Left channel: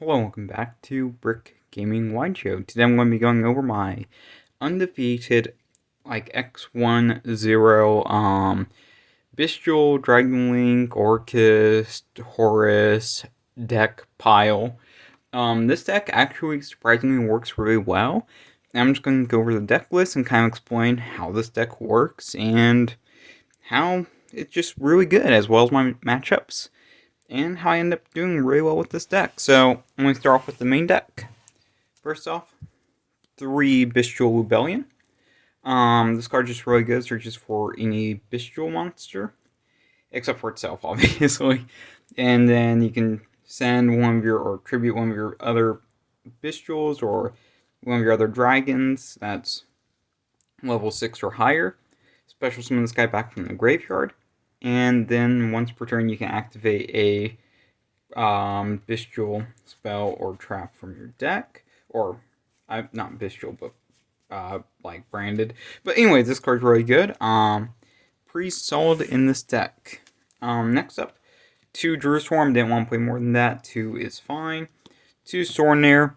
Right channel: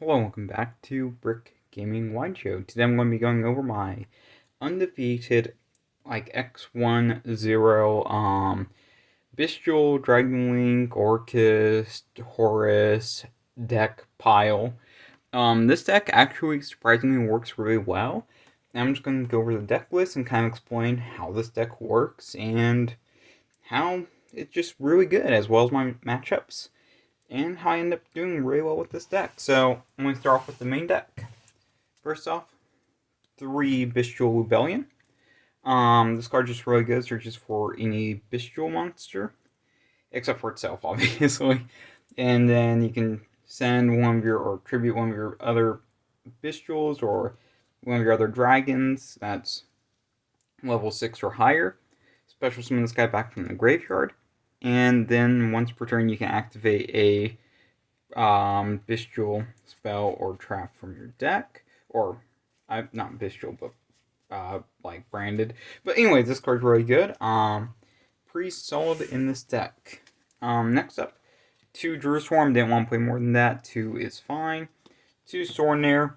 Hello, welcome back to Brick Gaming Wide Show. Today I'm going to be going over my undefeated, X-1-0, Bystial, Dragon Link, Orcust, Horus deck pile. This deck actually surprisingly works really well. I'm just going to go over the deck list and kind of explain how this deck works and how it's just really good, as well as my matchups and how I end up doing really well with this deck. So I'm going to start off with the main deck. First off, 3 Bystial Rebellion. This card just really good, searches for any Bystial monster, except for itself, obviously. And then you can send one of your, or tribute one of your other Bystials, or one of your other dragons that's level 6 or higher. Special summon this guy back from the graveyard. And then once per turn, you can activate a Bystial spell or trap from your deck, or not Bystial, but like branded. But anyway, this card's really good. Pretty solid in this deck. Next up, 2 Jerusalem. Didn't want to play more than that. 2 is fine. 2 Sornair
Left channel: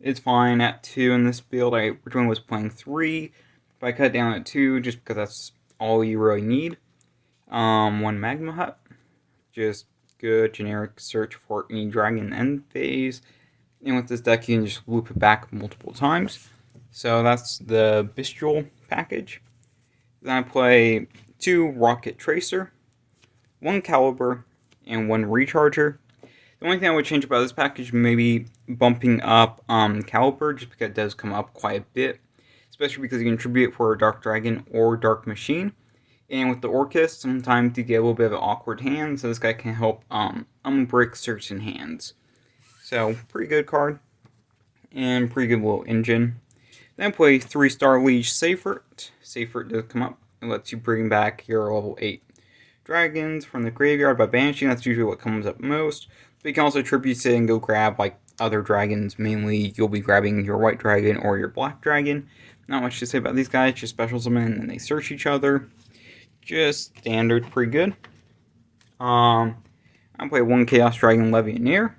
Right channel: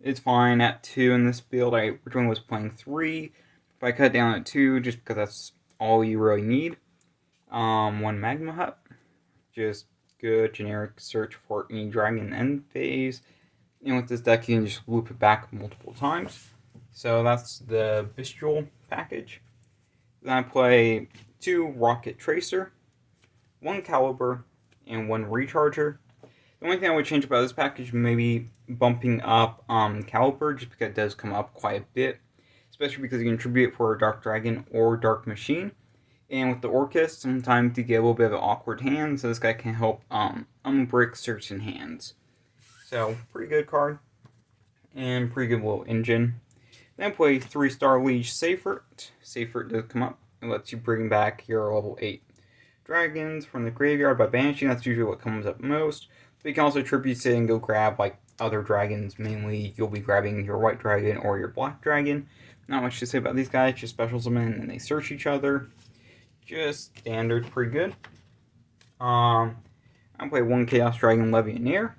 is fine at 2 in this build. I originally was playing 3, but I cut down at 2 just because that's all you really need. 1 Magma Hut, just good generic search for any dragon end phase. And with this deck, you can just loop it back multiple times. So that's the Bystial package. Then I play 2 Rocket Tracer, 1 Caliber, and 1 Recharger. The only thing I would change about this package, maybe bumping up Caliber, just because it does come up quite a bit. Especially because you can tribute it for a Dark Dragon or Dark Machine. And with the Orcust, sometimes you get a little bit of an awkward hand, so this guy can help unbrick certain hands. So, pretty good card. And pretty good little engine. Then I play 3-star Liege Seifert. Seifert does come up and lets you bring back your level 8 dragons from the graveyard by banishing. That's usually what comes up most. But you can also tribute it and go grab other dragons. Mainly, you'll be grabbing your white dragon or your black dragon. Not much to say about these guys, just special summon and they search each other. Just standard, pretty good. I play 1 Chaos Dragon Legionnaire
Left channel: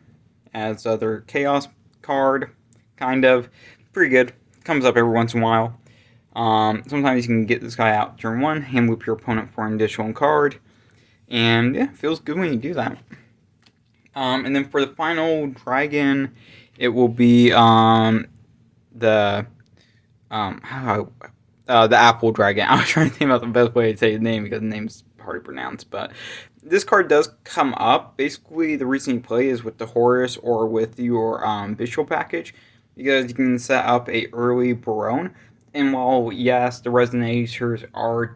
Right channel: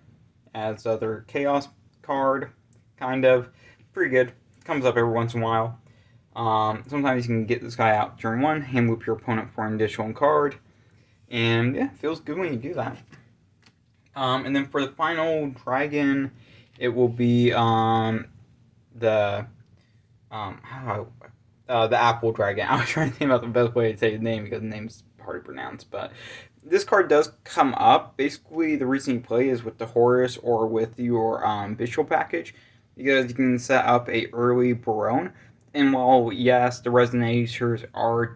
as other Chaos card, kind of. Pretty good. Comes up every once in a while. Sometimes you can get this guy out turn 1, hand loop your opponent for an additional card, and yeah, feels good when you do that. And then for the final dragon, it will be the Apple Dragon. I was trying to think about the best way to say his name because the name's hard to pronounce, but this card does come up. Basically, the reason you play is with the Horus or with your Bystial package, because you can set up a early Barone. And while, yes, the Resonators are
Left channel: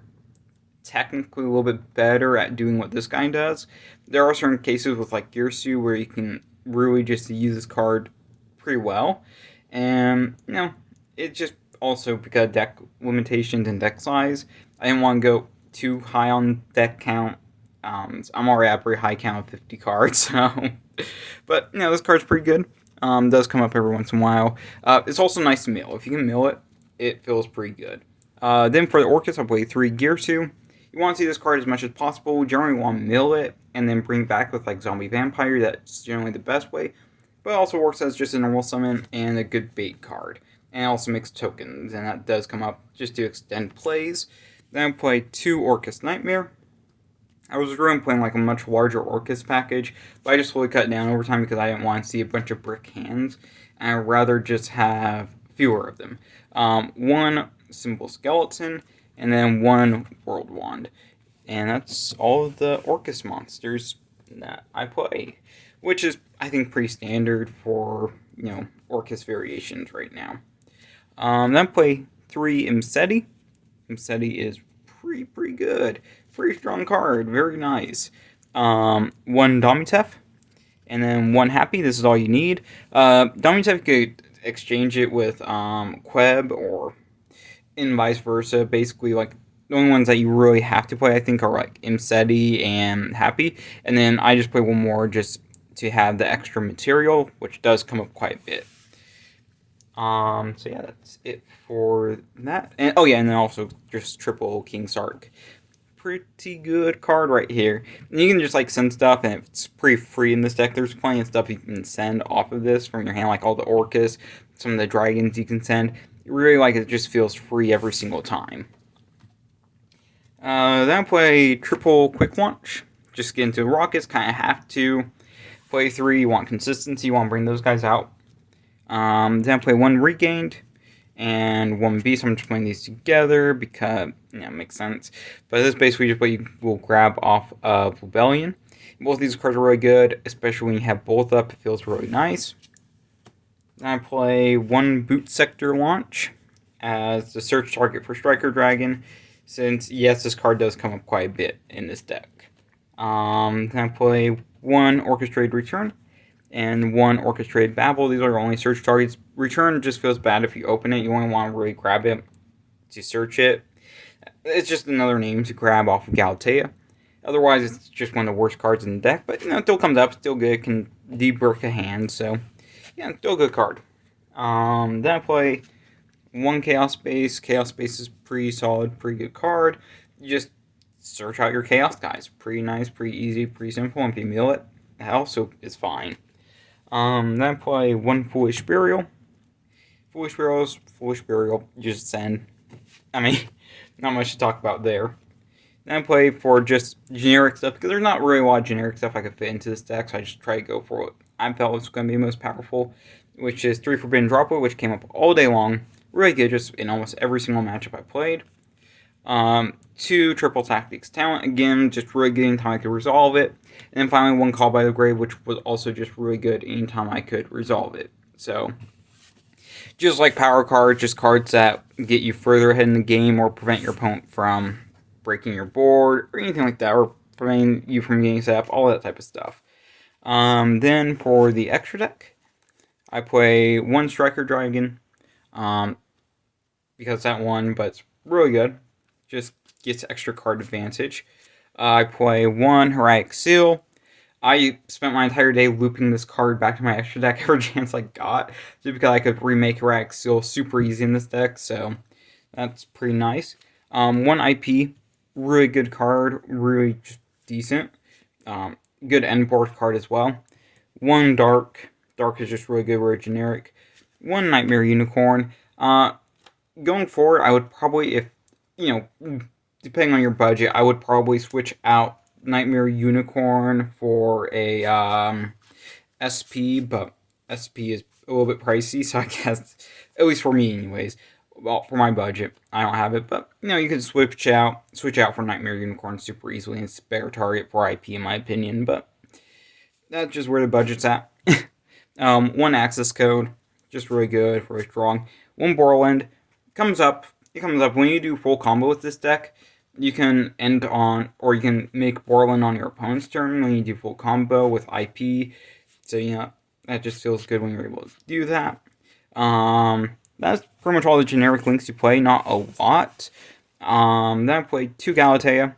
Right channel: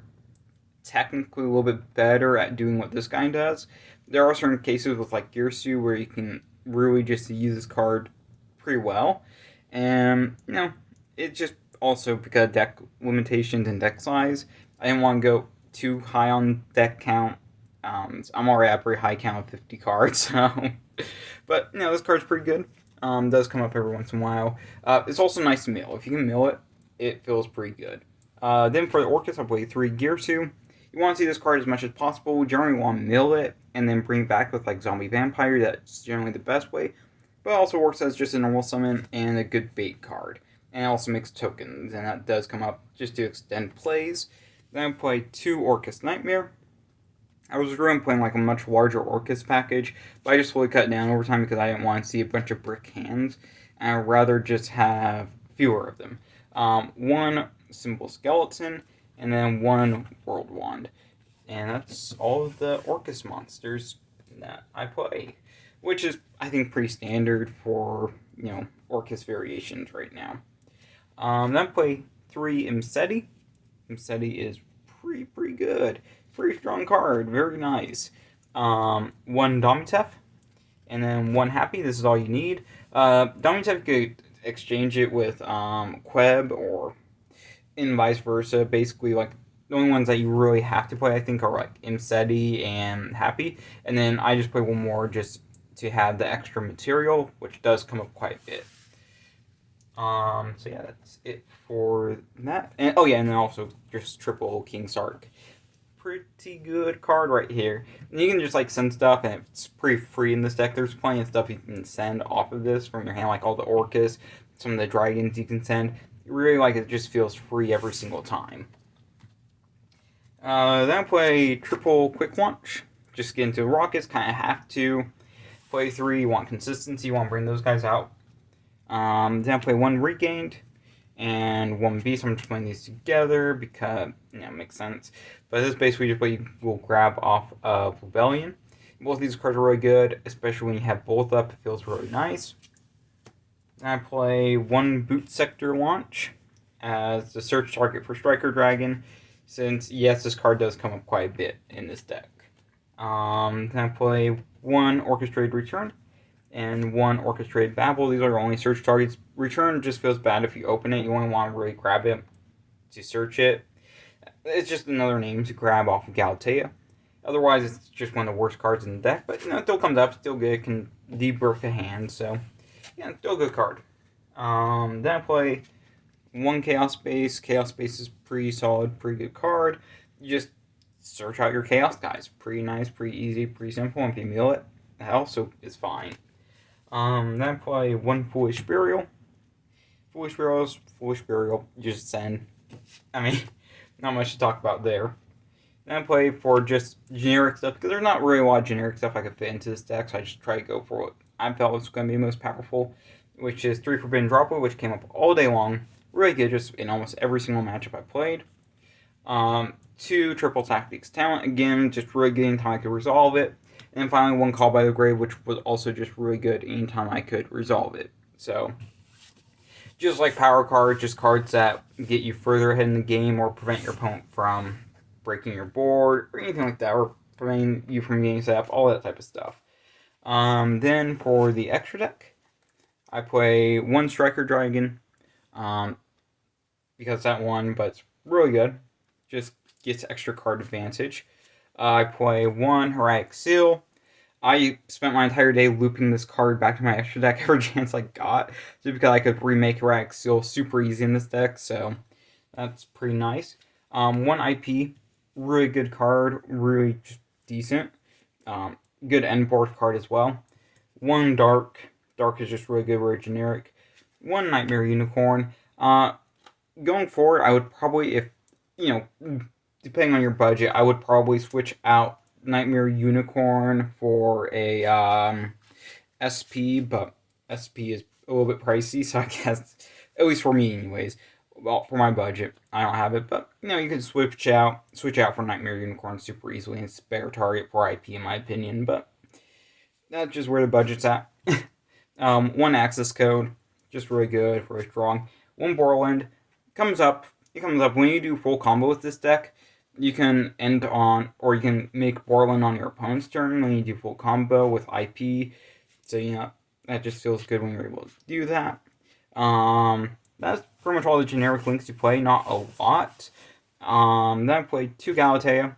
technically a little bit better at doing what this guy does, there are certain cases with Girsu where you can really just use this card pretty well. And, it's just also because deck limitations and deck size, I didn't want to go too high on deck count. I'm already at a pretty high count of 50 cards, so. But, this card's pretty good. Does come up every once in a while. It's also nice to mill. If you can mill it, it feels pretty good. Then for the Orcust, I'll play 3 Girsu. You want to see this card as much as possible. You generally want to mill it and then bring back with Zombie Vampire. That's generally the best way. But it also works as just a normal summon and a good bait card. And it also makes tokens, and that does come up just to extend plays. Then I play 2 Orcust Nightmare. I was really playing a much larger Orcust package, but I just slowly cut down over time because I didn't want to see a bunch of brick hands. And I'd rather just have fewer of them. 1 Simple Skeleton, and then 1 World Wand. And that's all of the Orcust monsters that I play, which is, I think, pretty standard for, Orcust variations right now. Then I play 3 Imseti. Imseti is pretty good. Pretty strong card. Very nice. 1 Domitef. And then 1 Happy. This is all you need. Domitef could exchange it with Queb or and vice versa. Basically, the only ones that you really have to play, I think, are Imseti and Happy. And then I just play 1 more just to have the extra material, which does come up quite a bit. So yeah, that's it for that. And and then also just triple King Sark. pretty good card right here. And you can just like send stuff, and it's pretty free in this deck. There's plenty of stuff you can send off of this from your hand, like all the Orcus, some of the dragons you can send. Really, like, it just feels free every single time. Then I play triple quick launch. Just get into rockets, kind of have to. Play 3, you want consistency, you want to bring those guys out. Then I play 1 regained and 1 beast. I'm just playing these together because, it makes sense. But this is basically just what you will grab off of Rebellion. Both of these cards are really good, especially when you have both up. It feels really nice. Then I play 1 boot sector launch as the search target for Striker Dragon, since, yes, this card does come up quite a bit in this deck. Then I play 1 orchestrated return and 1 orchestrated babble. These are your only search targets. Return just feels bad if you open it. You only want to really grab it to search it. It's just another name to grab off of Galatea. Otherwise, it's just one of the worst cards in the deck. But, it still comes up, still good. It can debrick a hand, so, yeah, still a good card. Then I play 1 Chaos Space. Chaos Space is pretty solid, pretty good card. You just search out your Chaos guys. Pretty nice, pretty easy, pretty simple. And if you mill it, that also is fine. Then I play 1 Foolish Burial. Foolish Burial, you just send. Not much to talk about there. Then I play for just generic stuff, because there's not really a lot of generic stuff I could fit into this deck, so I just try to go for what I felt was going to be most powerful, which is 3 Forbidden Droplet, which came up all day long. Really good, just in almost every single matchup I played. 2 Triple Tactics Talent, again, just really good anytime I could resolve it. And then finally 1 Call by the Grave, which was also just really good anytime I could resolve it. So, just like power cards, just cards that get you further ahead in the game or prevent your opponent from breaking your board or anything like that, or preventing you from getting set up, all that type of stuff. Then for the extra deck, I play 1 Striker Dragon, because that one, but it's really good. Just gets extra card advantage. I play 1 Heroic Seal. I spent my entire day looping this card back to my extra deck every chance I got, just because I could remake Heroic Seal super easy in this deck, so that's pretty nice. 1 IP, really good card, really just decent. Good end board card as well. 1 Dark. Dark is just really good, very generic. 1 Nightmare Unicorn. Going forward, I would probably, if, depending on your budget, I would probably switch out Nightmare Unicorn for a SP, but SP is a little bit pricey, so I guess, at least for me anyways, well, for my budget, I don't have it, but, you can switch out for Nightmare Unicorn super easily, and it's a better target for IP in my opinion, but that's just where the budget's at. 1 Access Code, just really good, really strong. 1 Borland, it comes up when you do full combo with this deck. You can end on, or you can make Borland on your opponent's turn when you do full combo with IP. So, that just feels good when you're able to do that. That's pretty much all the generic links you play, not a lot. Then I played 2 Galatea.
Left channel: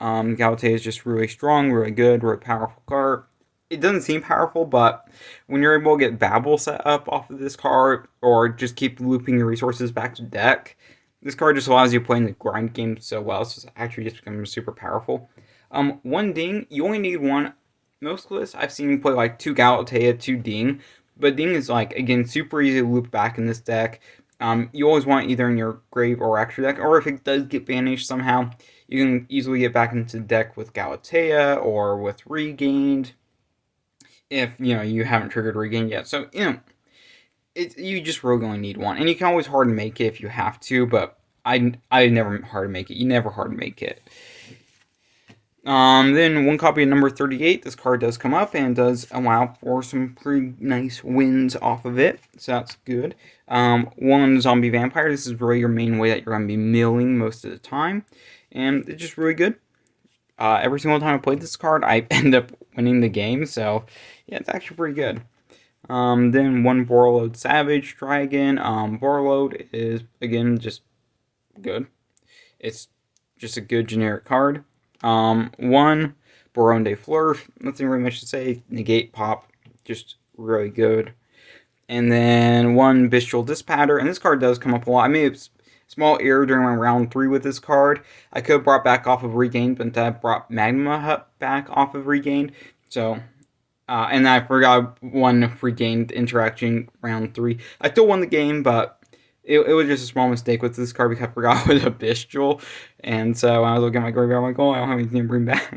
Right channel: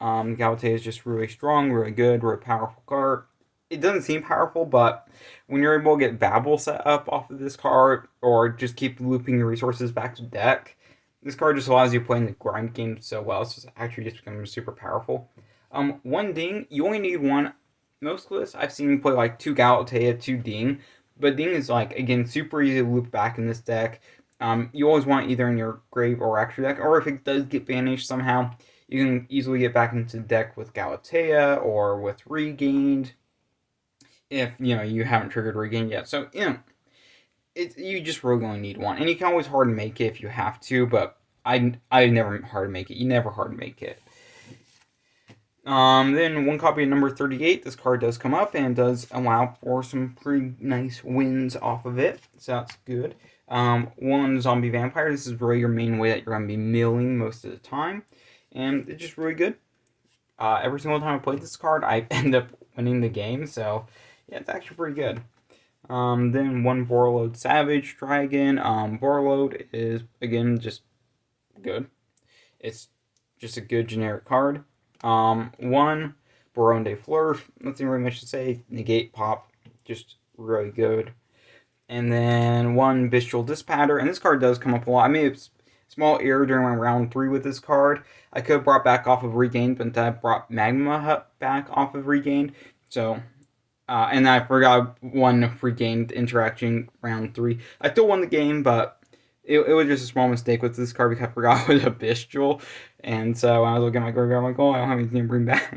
Galatea is just really strong, really good, really powerful card. It doesn't seem powerful, but when you're able to get Babble set up off of this card, or just keep looping your resources back to deck, this card just allows you to play in the grind game so well, so it's actually just becoming super powerful. 1 Ding, you only need 1. Most lists, I've seen you play like 2 Galatea, 2 Ding, but Ding is, like, again, super easy to loop back in this deck. You always want either in your grave or extra deck, or if it does get banished somehow, you can easily get back into the deck with Galatea or with Regained, if, you haven't triggered Regained yet. So, you just really only need 1. And you can always hard make it if you have to, but I never hard make it. You never hard make it. Then 1 copy of number 38. This card does come up and does allow for some pretty nice wins off of it. So that's good. 1 Zombie Vampire. This is really your main way that you're going to be milling most of the time. And it's just really good. Every single time I played this card, I end up winning the game. So, yeah, it's actually pretty good. Then 1 Borreload Savage Dragon. Borreload is, again, just good. It's just a good generic card. 1 Baron de Fleur. Nothing really much to say. Negate Pop. Just really good. And then 1 Bystial Dispatcher. And this card does come up a lot. I may have small error during my round 3 with this card. I could have brought back off of Regained, but instead I brought Magma Hut back off of Regained. So, and I forgot one Regained interaction round 3. I still won the game, but it was just a small mistake with this card because I forgot it was a Bystial. And so when I was looking at my graveyard, I'm like, oh, I don't have anything to bring back.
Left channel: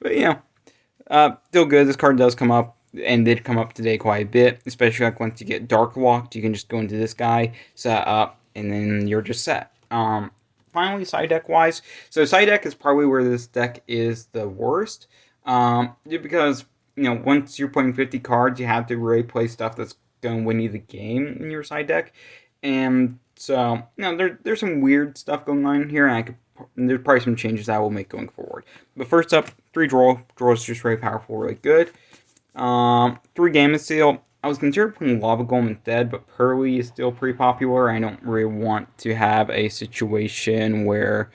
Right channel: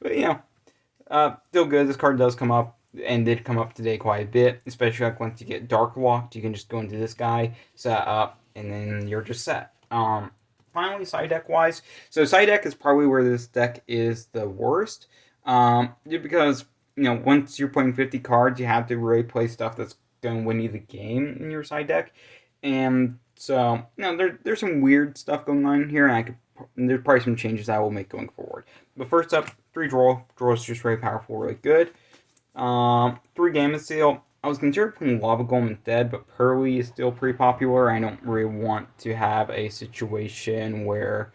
But, still good. This card does come up and did come up today quite a bit, especially like once you get Dark Locked, you can just go into this guy, set up, and then you're just set. Finally, side deck wise, so side deck is probably where this deck is the worst, because once you're playing 50 cards, you have to really play stuff that's going to win you the game in your side deck, and so there's some weird stuff going on here, and there's probably some changes I will make going forward. But first up, 3 draw. Draw is just really powerful, really good. 3 Gamma Seal. I was considering putting Lava Golem instead, but Pearly is still pretty popular. I don't really want to have a situation where,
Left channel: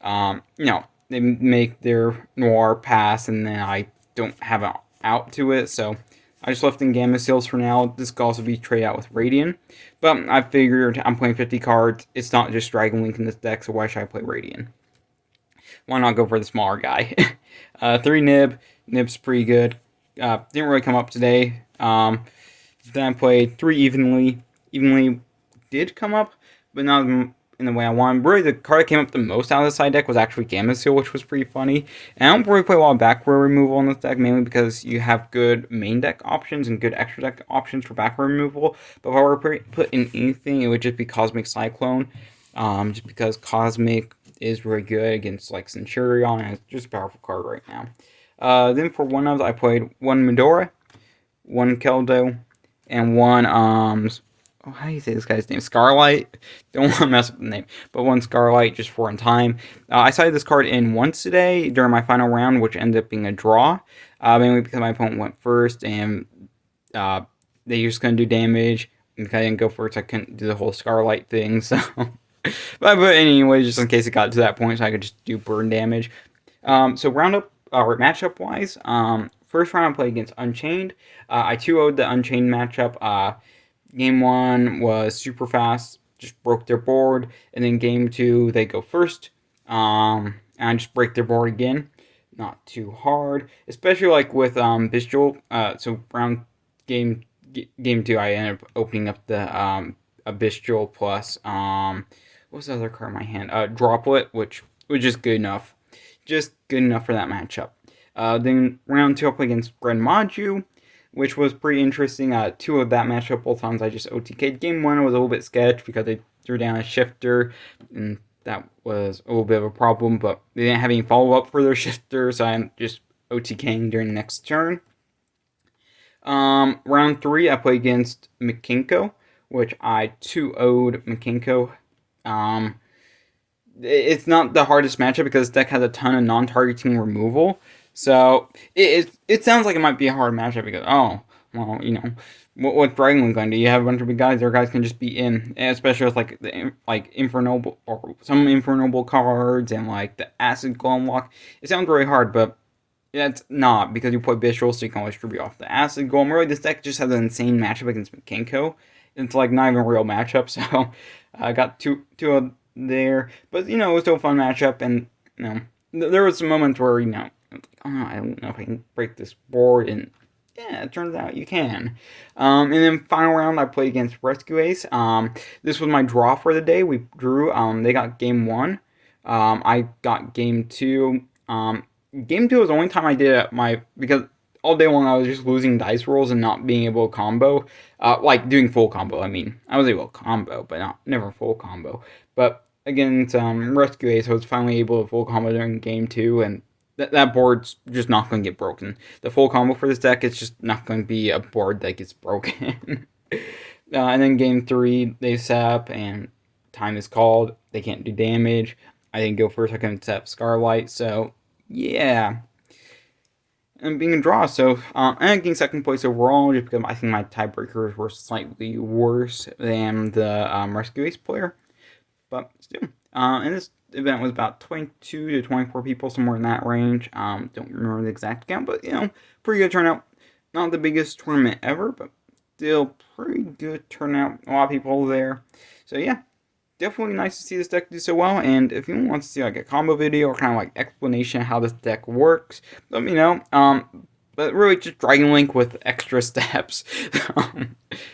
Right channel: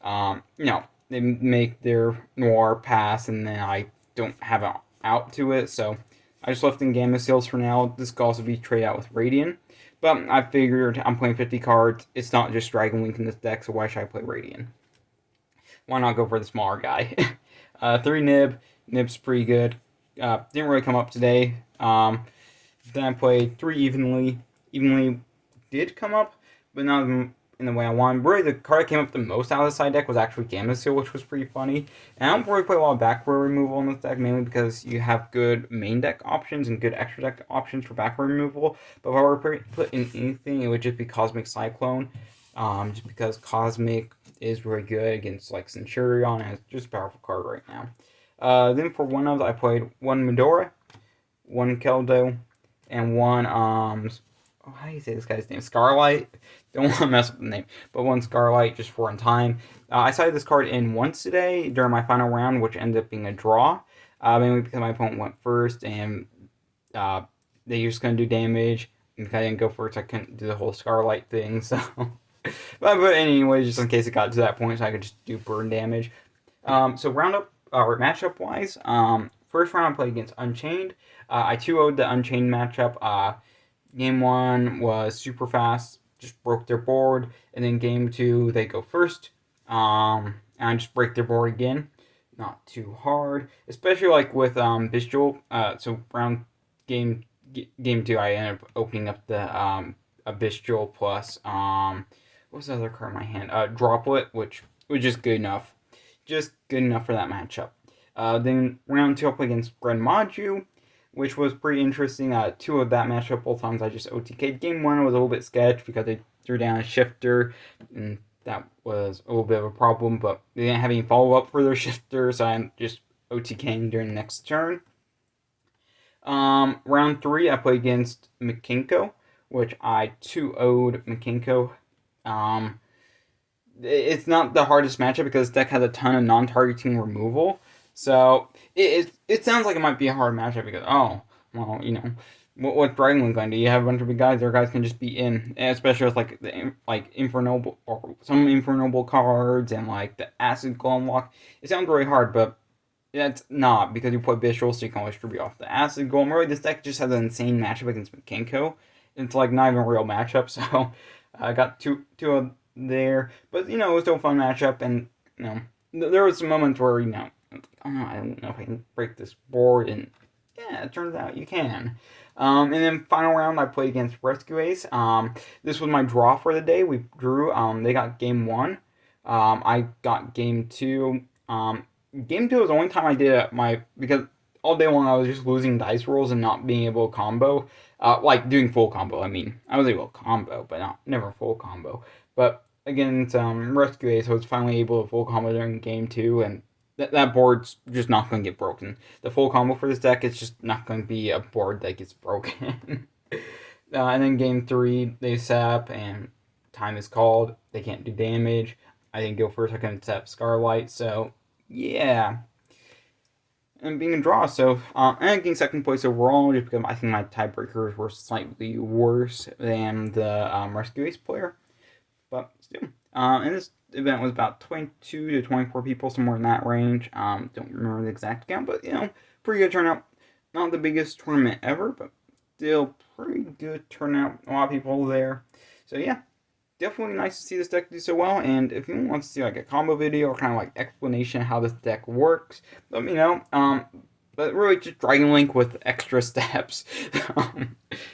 they make their Noir pass and then I don't have an out to it. So I just left in Gamma Seals for now. This could also be traded out with Radiant. But I figured I'm playing 50 cards. It's not just Dragon Link in this deck, so why should I play Radiant? Why not go for the smaller guy? 3 Nib. Nib's pretty good. Didn't really come up today. Then I played 3 Evenly. Evenly did come up, but not in the way I wanted. Really, the card that came up the most out of the side deck was actually Gamma Seal, which was pretty funny. And I don't really play a lot of back row removal in this deck, mainly because you have good main deck options and good extra deck options for back row removal. But if I were to put in anything, it would just be Cosmic Cyclone. Just because Cosmic is really good against like Centurion, and it's just a powerful card right now. Then for one of I played 1 Medora, 1 Keldo, and 1 how do you say this guy's name? Scarlight. Don't want to mess up the name, but 1 Scarlight just for in time. I sided this card in once today during my final round, which ended up being a draw. Mainly because my opponent went first, and they just couldn't do damage. And if I didn't go first, I couldn't do the whole Scarlight thing. So, but anyway, just in case it got to that point, so I could just do burn damage. So matchup wise, first round I played against Unchained. I 2-0'd the Unchained matchup. Game 1 was super fast, just broke their board, and then game 2 they go first, and I just break their board again. Not too hard, especially like with Bystial. So game 2 I ended up opening up the a Bystial plus what's the other card in my hand? Droplet, which was just good enough. Just good enough for that matchup. Then round 2 I played against Gren Maju, which was pretty interesting. 2 of that matchup, both times I just OTK'd. Game 1 was a little bit sketch because they threw down a shifter, and that was a little bit of a problem, but they didn't have any follow-up for their shifter, so I'm just OTKing during the next turn. Round 3, I played against Mikanko, which I 2-0'd Mikanko. It's not the hardest matchup because this deck has a ton of non-targeting removal. So it sounds like it might be a hard matchup because what's Dragon Link going to do? You have a bunch of big guys. Their guys can just be in, especially with like Infernoble or some Infernoble cards and like the Acid Golem lock. It sounds really hard, but it's not because you play Bystial, so you can always distribute off the Acid Golem. Really, this deck just has an insane matchup against Mikanko. It's like not even a real matchup. So I got two of there, but it was still a fun matchup, and there was some moments where I don't know if I can break this board, and yeah, it turns out you can. And then final round I played against Rescue Ace. This was my draw for the day. We drew. They got game 1. I got game 2. Game 2 was the only time I did it because all day long I was just losing dice rolls and not being able to combo. Like doing full combo. I mean, I was able to combo, but never full combo. But against Rescue Ace, I was finally able to full combo during game 2, and that board's just not going to get broken. The full combo for this deck is just not going to be a board that gets broken. And then game 3, they set up, and time is called. They can't do damage. I didn't go first. I couldn't set up Scarlight. So, yeah. And being a draw. So, and getting second place overall, just because I think my tiebreakers were slightly worse than the Rescue Ace player. But still. And this event was about 22 to 24 people, somewhere in that range. Don't remember the exact count, but pretty good turnout. Not the biggest tournament ever, but still pretty good turnout. A lot of people there. So yeah, definitely nice to see this deck do so well. And if anyone wants to see like a combo video or kind of like explanation of how this deck works, let me know. But really, just Dragon Link with extra steps.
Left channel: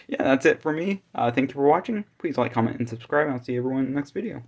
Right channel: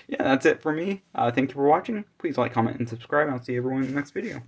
Yeah, that's it for me. Thank you for watching. Please like, comment, and subscribe. I'll see everyone in the next video.